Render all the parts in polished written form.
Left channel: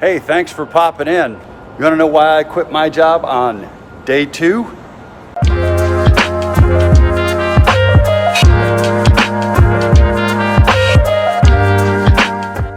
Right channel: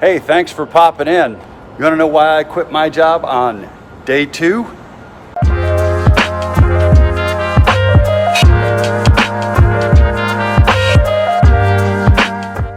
Hey, thanks for popping in. You want to know why I quit my job on day 2?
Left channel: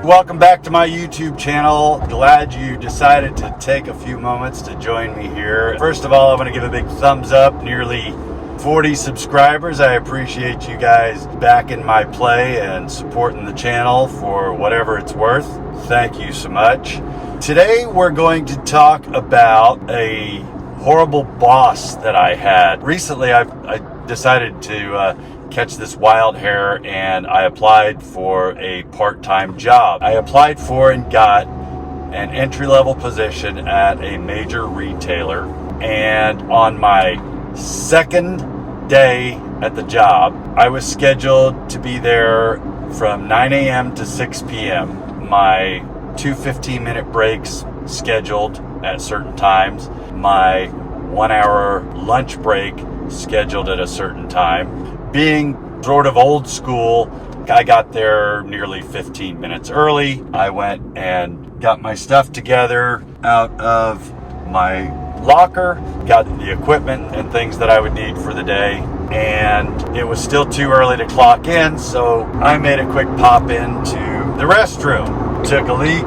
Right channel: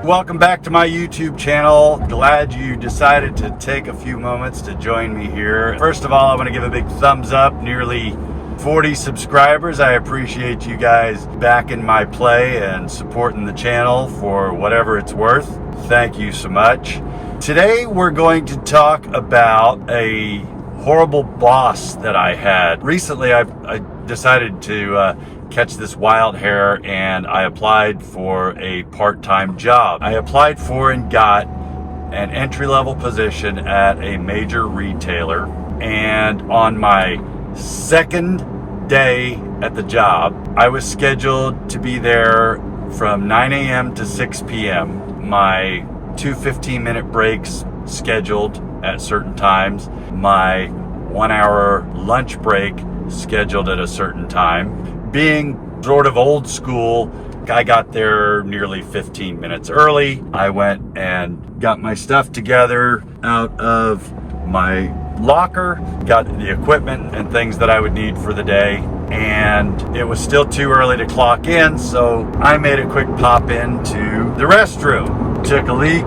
Welcome back to my YouTube channel. Glad you decided to take a few moments to join me here. First of all, I want to give a big thumbs up. Nearly 40 subscribers. I appreciate you guys backing my play and supporting the channel for whatever it's worth. Thank you so much. Today we're going to talk about a horrible boss that I had. Recently I decided to catch this wild hare and I applied for a part-time job. I applied for and got an entry-level position at a major retailer, and on my second day at the job, I was scheduled to be there from 9 a.m. to 6 p.m. My 2 15-minute breaks scheduled at certain times, my 1-hour lunch break scheduled at a certain time. Being sort of old school, I got there nearly 15 minutes early. I went and got my stuff together out of my locker, got the equipment and things that I would need for the day, and it was still too early to clock in, so I made a quick pop into the restroom. Took a leak,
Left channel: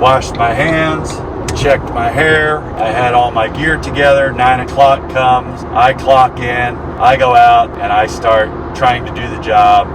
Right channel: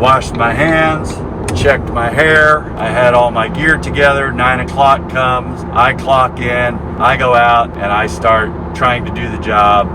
washed my hands, checked my hair. I had all my gear together. 9 o'clock comes, I clock in, I go out, and I start trying to do the job.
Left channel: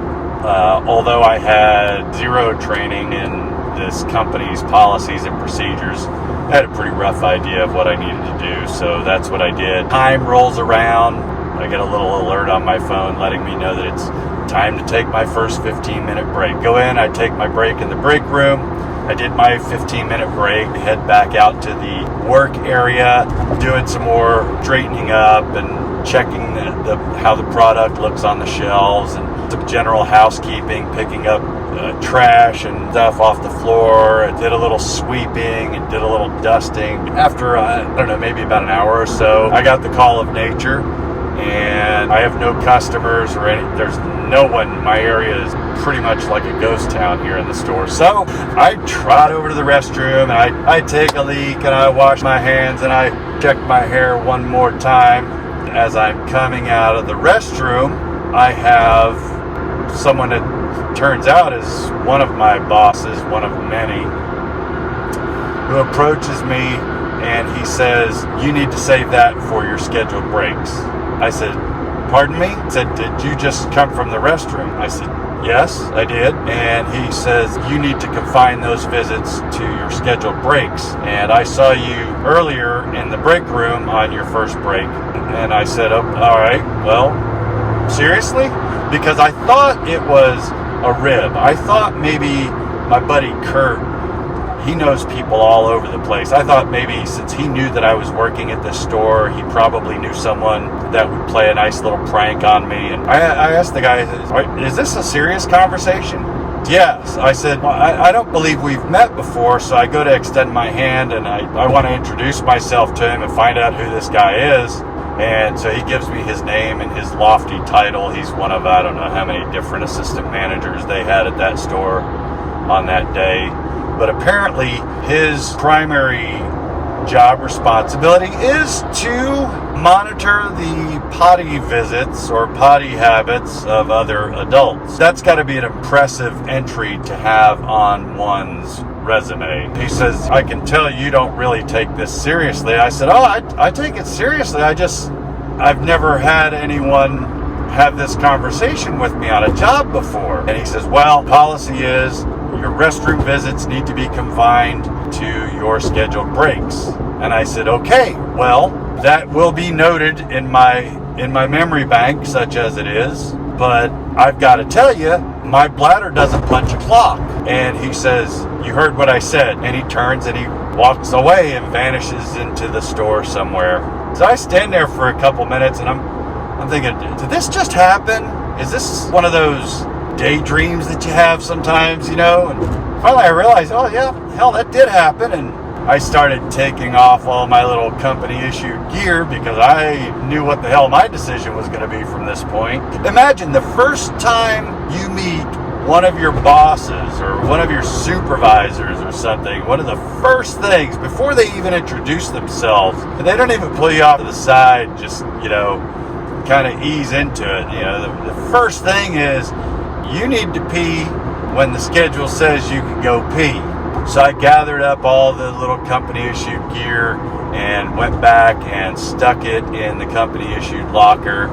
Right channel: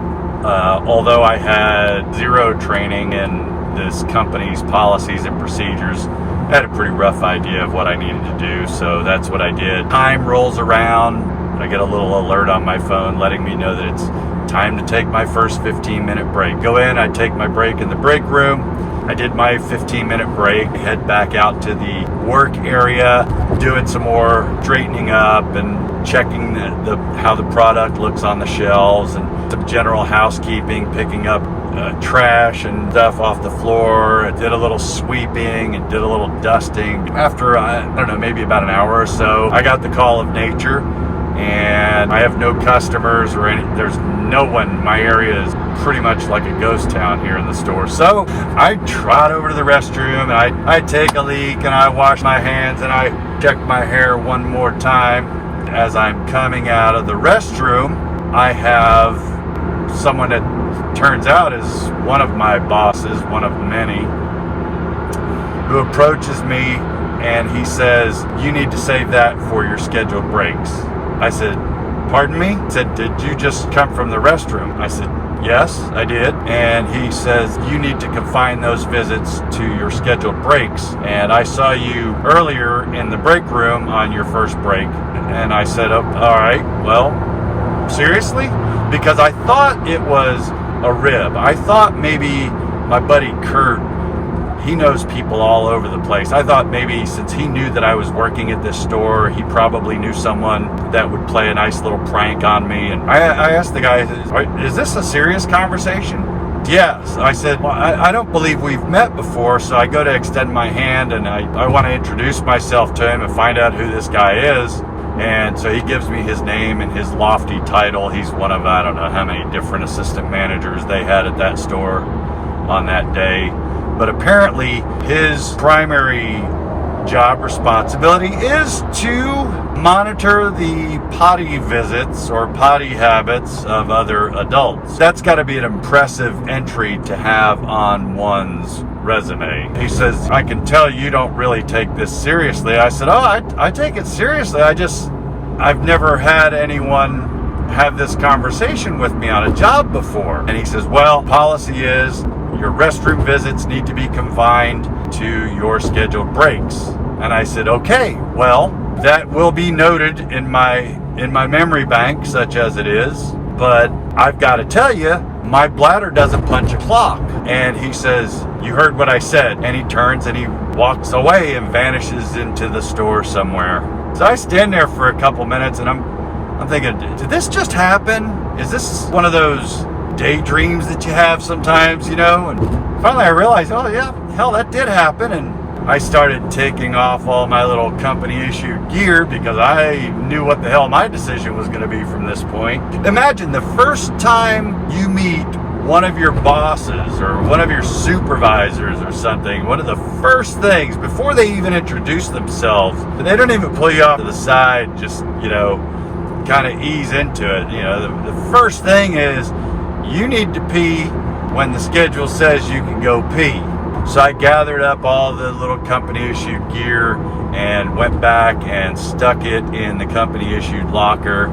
Although I had zero training in this company's policies and procedures, I had a pretty rough idea of what I needed to do, so that's what I did. Time rolls around. I get a little alert on my phone letting me know that it's time to take my first 15-minute break. Go in, I take my break in the break room. I did my 15-minute break, head back out to the work area, doing some more straightening up and checking how the product looks on the shelves, and some general housekeeping, picking up trash and stuff off the floor. I did a little sweeping and did a little dusting. After, I don't know, maybe about an hour or so, I got the call of nature, and I have no customers or there's no one. My area is pretty much like a ghost town here in the store. So I trot over to the restroom and I take a leak and I wash my hands and I check my hair one more time. As I'm coming out of the restroom, I have someone that turns out is one of my bosses, one of many, who approaches me and he says, "You need to save that for your scheduled breaks." I said, "Pardon me?" He said, "Did you just come from the restroom?" I said, "Yes, I did." And he says, "You need to confine those visits to your scheduled breaks. And I saw you earlier in the break room on your first break." And I said, "Oh, all right, well, seriously?" Because I thought it was a rib. I thought maybe my buddy Kurt, he knows people all over the place. I thought maybe since he knew that I was working at this store, he probably knew someone that would play a nice little prank on me. And I asked the guy, "Is this a serious conversation?" "Yes." I said, "Well, I don't believe we've met before." So I go to extend my hand and I want to introduce myself to him and find out who this guy is. And so he gives me his name and his lofty title. He's one of, I don't know how many different assistant managers they had at that store on that day. But apparently his primary job responsibility is to monitor the potty visits or potty habits of other adults. That's got to be an impressive entry to have on one's resume. He says, "I can tell you don't really take this seriously." I said, "Oh, I take it seriously. I've never had anyone have this conversation with me on a job before." And he says, "Well, policy is your restroom visits need to be confined to your scheduled breaks." And I said, "Okay, well, that will be noted in my memory bank, such as it is. But I've got to tell you, my bladder doesn't punch a clock." And he says, "You heard what I said." And he turns and he walks away and vanishes into the store somewhere. So I stand there for a couple minutes and I'm thinking, did this just happen? Is this one of those daydreams that you have sometimes, you know? And finally I realized, oh yeah, hell, that did happen. And I started taking off all my little company issued gear because I knew what the hell my decision was going to be from this point. Imagine the first time you meet one of your bosses or one of your supervisors or something, one of the first things before they even introduce themselves, they don't even pull you off to the side, just, kind of ease into it. The first thing is you need to pee when the schedule says you can go pee. So I gathered up all the little company issued gear and went back and stuck it in the company issued locker,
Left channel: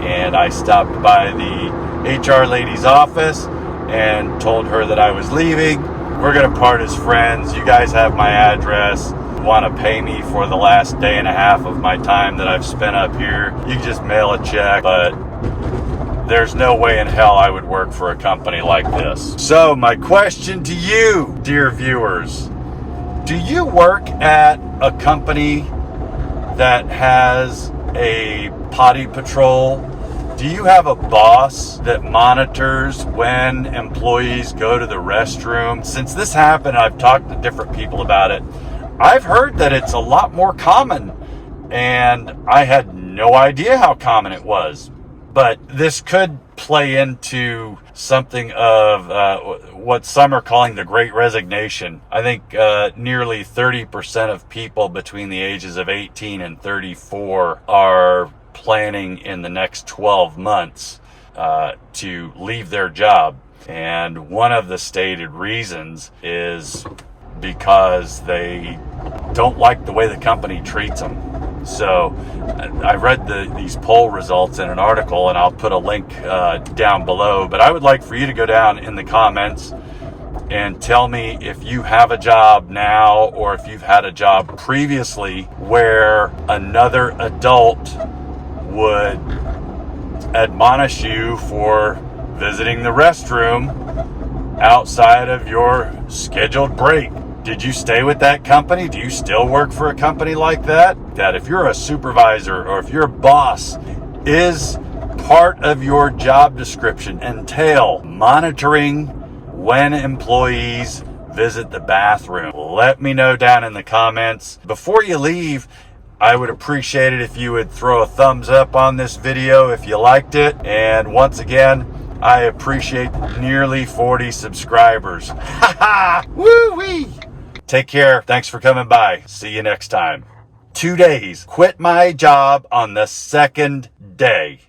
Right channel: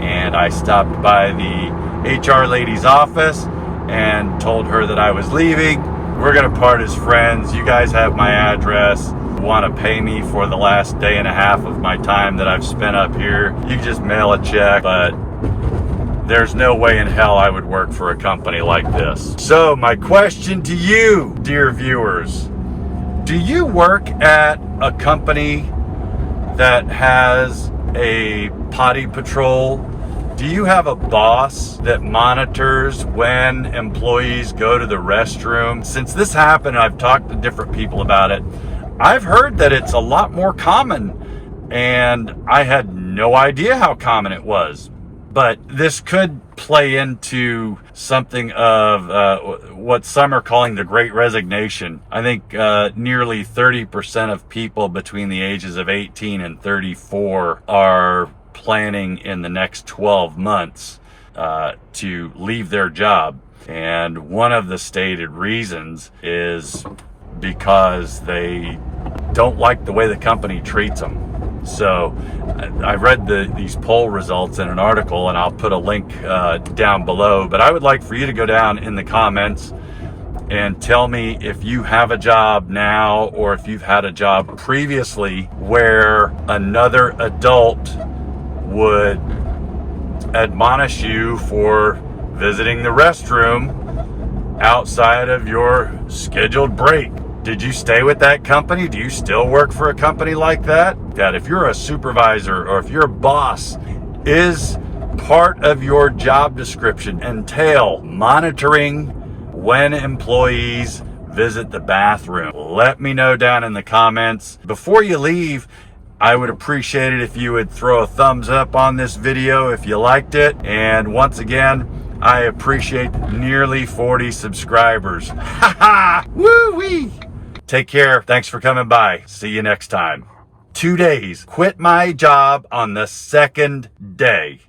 and I stopped by the HR lady's office and told her that I was leaving. We're gonna part as friends. You guys have my address. Want to pay me for the last day and a half of my time that I've spent up here, you can just mail a check, but there's no way in hell I would work for a company like this. So my question to you, dear viewers, do you work at a company that has a potty patrol? Do you have a boss that monitors when employees go to the restroom? Since this happened, I've talked to different people about it. I've heard that it's a lot more common, and I had no idea how common it was. But this could play into something of what some are calling the Great Resignation. I think nearly 30% of people between the ages of 18 and 34 are planning in the next 12 months to leave their job. And one of the stated reasons is because they don't like the way the company treats them. So I read these poll results in an article, and I'll put a link down below, but I would like for you to go down in the comments and tell me if you have a job now or if you've had a job previously where another adult would admonish you for visiting the restroom outside of your scheduled break. Did you stay with that company? Do you still work for a company like that? That if you're a supervisor or if you're a boss, is part of your job description entail monitoring when employees visit the bathroom? Let me know down in the comments. Before you leave, I would appreciate it if you would throw a thumbs up on this video if you liked it. And once again, I appreciate nearly 40 subscribers. Ha ha! Woo-wee! Take care. Thanks for coming by. See you next time. 2 days. Quit my job on the second day.